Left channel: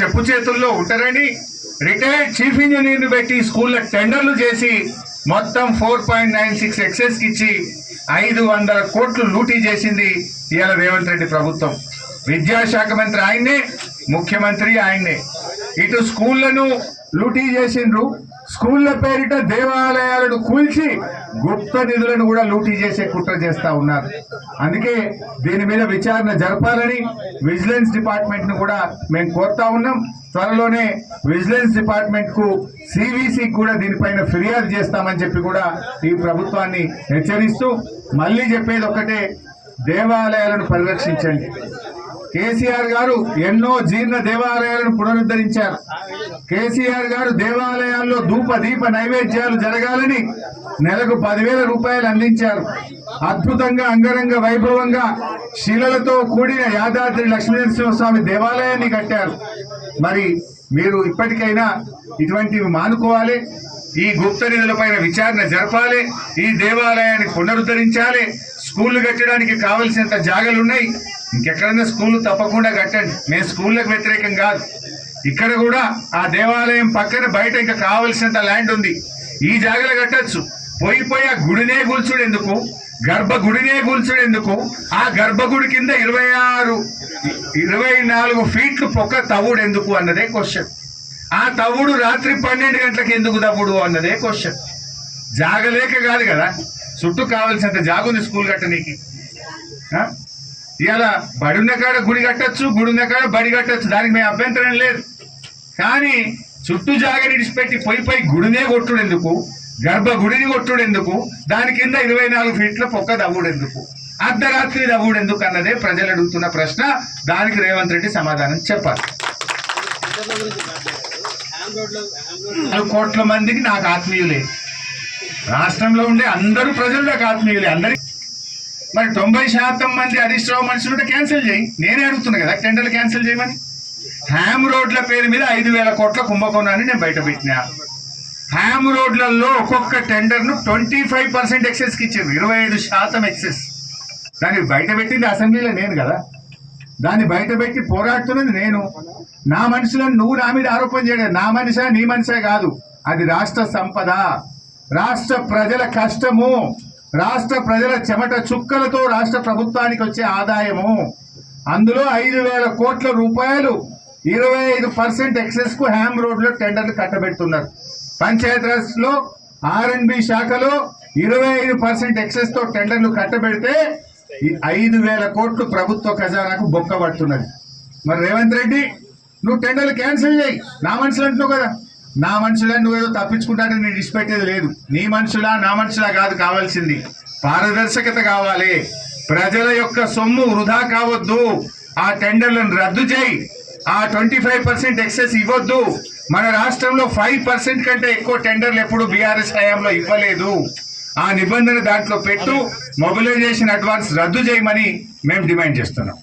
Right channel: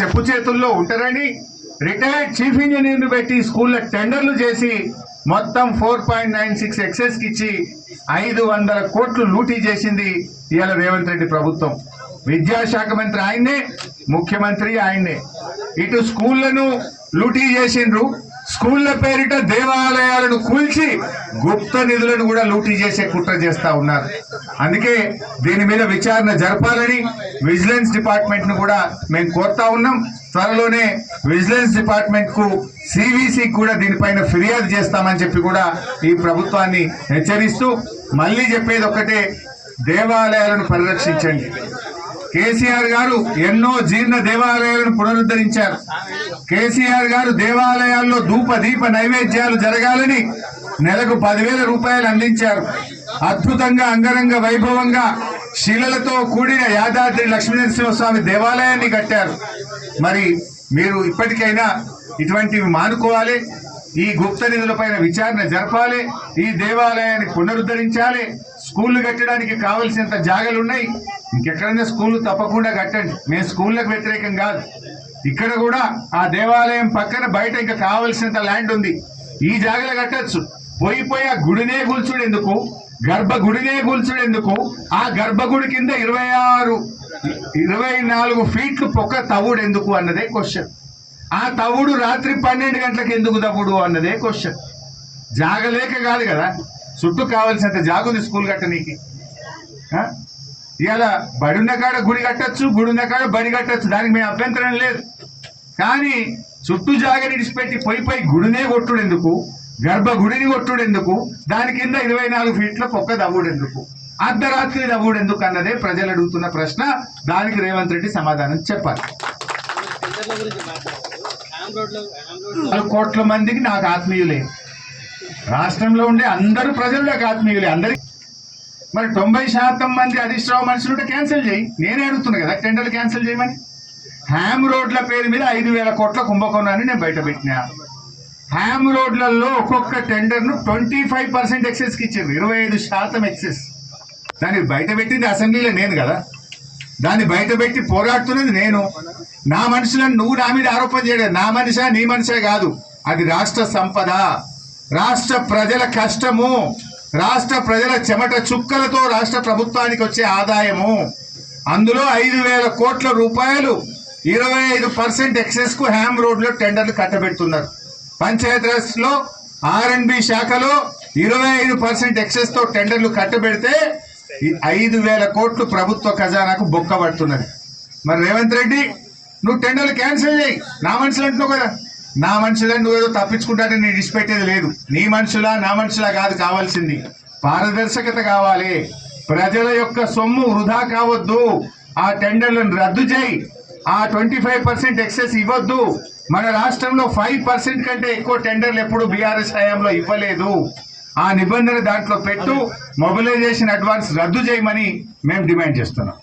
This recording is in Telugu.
చెప్పు చేతుల్లో ఉంటారని రిటైర్డ్ చీఫ్ ఇంజనీర్ను పెట్టి స్కూళ్ళ టెండర్లు చేసి మొత్తం 4.96 ఎక్సెస్కి ఇచ్చి 500 కోట్లు లూటీ చేసింది ఇవాళ రేవంత్ రెడ్డి ప్రభుత్వం. విద్యాశాఖ మంత్రి ఆయన్నే, ముఖ్యమంత్రి ఆయన్నే. ఇటు స్కూళ్లను లూటీ చేసిండ్రు, స్కూళ్ల పేరిట దేవాలయాలను కూల్చి గుప్త నిధులను కూడా లూటీ చేసే కుట్ర చేస్తా ఉన్నారు. అందుకే దీని మీద విచారణ జరపాలని విజిలెన్స్ డిపార్ట్మెంట్ ను కూడా మేము కోరుతా ఉన్నాం. త్వరలోనే విజిలెన్స్ డిపార్ట్మెంట్ కు సివిసి కూడా దీనిపైన ఫిర్యాదు చేస్తామని చెప్పి కూడా ఈ ప్రభుత్వాన్ని హెచ్చరిస్తూ మళ్ళీ చెప్పేది ఒకటే, దేవాలయాలను పరిరక్షించండి. కేసీఆర్ గారు ఎన్నో జీర్ణ దేవాలయాలను పునరుద్ధరించారు. కేసీఆర్ గారు దేవాలయాల్లో ధూప దీప నైవేద్యాలు జరగాలని నెలకు 10,000 రూపాయలు అందించారు. అద్భుతంగా అంగరంగ వైభవంగా శిలలతో కూడిన యాదాద్రి లక్ష్మీనరసింహస్వామి దేవాలయాన్ని కట్టారు. మరి మీరు ఇప్పటికైనా ఇటువంటివి మానుకోవాలి, ఈ గుప్త నిధులపైన విచారణ జరపాలి, ఈ దేవాలయాన్ని పునరుద్ధరించాలి. స్కూళ్లు కట్టడానికి కావలసినంత జాగాలున్నాయి, ఇంకెక్కడన్నా స్కూళ్ళు తప్పకుండా కట్టండి. మేము స్కూళ్ళకు వ్యతిరేకం కాదు. ఇక్కడ కూడా ఆ దేవాలయం పక్కన బయట ఇంకా కావలసినంత ల్యాండ్ ఉంది, ఈ జాగాలు కట్టచ్చు. పోయి ఆ గుడినే కూల్చుడు ఎందుకు, గర్భగుడినే కూల్చుడు ఎందుకు? ఆ గర్భగుడి కింద 24 ఫీట్లు పొక్క తవ్వుడు ఎందుకు అన్నదే క్వశ్చన్. ఆ తవ్వుడు రాత్రి 12 గంటలకు ఎందుకు తవ్వుడు అన్నదే క్వశ్చన్. జాగలేక కాదు కదా, చుట్టూ కావాల్సినంత జాగుంది స్కూల్ కట్టనీకి. ఇలా బడి ఉన్న కాడ గుడి కట్టచ్చు, గుడి ఉన్న కాడ బడి కట్టచ్చు, దానికి మేము అభ్యంతరం లేదు. కానీ చుట్టూ జాగని విడిచిపెట్టి పోయి గుడినే కొట్టుడు ఎందుకు, గర్భగుడిని కొట్టుడు ఎందుకు, దాని కింద 24 ఫీట్ల పొక్క దవ్వుడు ఎందుకు, అర్ధరాత్రి దవ్వుడు ఎందుకు అన్నదే ప్రజలు అడుగుతున్న ప్రశ్న. దానికి రేవంత్ రెడ్డి సమాధానం చెప్పాలి. 4 కోట్ల మందికి నాకు ఆత్మీయులే, రాష్ట్రంలో ఉండే అందరూ ప్రజలు నాకు ఆత్మీయులే. అందరి మరి 90% మంది హరీష్ రావు మనుషులుంటే క్యాన్సిల్ చేయి. నేనే అడుగుతున్నా కదా టెండర్లు క్యాన్సిల్ చేయమని. హ్యామ్ రోడ్ల పేరు మీద 5,000 కోట్ల కుంభకోణాన్ని నేను బయట పెట్టినా. హ్యామ్ రోడ్లలో ఒక్కొక్క టెండర్ను 25% ఎక్సెస్కి ఇచ్చారు, 25% ఎక్సెస్. దాన్ని బయట పెట్టింది అసెంబ్లీలో నేను కదా, దాన్ని బయట పెట్టి పోరాడుతున్నది నేను. నా మనుషులను నువ్వు నా మీద ఆరోపణ చేయలేదు. నా మనిషా నీ మనిషే కాదు, అది రాష్ట్ర సంపద, రాష్ట్ర ప్రజల కష్టము, రాష్ట్ర ప్రజల చెమట చుక్కలతో రాష్ట్ర ప్రభుత్వానికి వచ్చే ఆదాయము. అందులో 5,000 కోట్ల రూపాయలు 25% ఎక్సెస్ కు హ్యామ్ రోడ్ లో టెండర్లు కట్టబెడుతున్నారు. పంచాయతీరాజ్ లో R&B శాఖలో 25% ఎక్సెస్ తో టెండర్లు కట్టబెడితే 5,000 కోట్లు ప్రభుత్వ ఖజానాకు బొక్క పడుతున్నది. మరి రేవంత్ రెడ్డి నువ్వు టెండర్లు క్యాన్సిల్ చేయి. నా మనుషులు అంటున్నావు కదా, నా మనుషులను నువ్వేదో తప్పించుకుంటానే నేను ఇచ్చిపెట్టేది లేదు. నీ మనుషులా నా మనుషులా కాదు, కావాల్సింది పారదర్శకత కావాలి. ప్రజల యొక్క సొమ్ము వృధా కావద్దు. ఆ టెండర్లను రద్దు చేయి, ఆ 25% ఎక్సెస్ ఇవ్వద్దు. మన రాష్ట్రంలో 5% కంటే ఎక్కువ టెండర్లు ఎప్పుడు బీఆర్ఎస్ హయాంలో ఇవ్వలేదు. ఆ నిబంధన దాంట్లో పెట్టు, మొబిలైజేషన్ అడ్వాన్స్ రద్దు చేయమని మేము డిమాండ్ చేస్తున్నాం.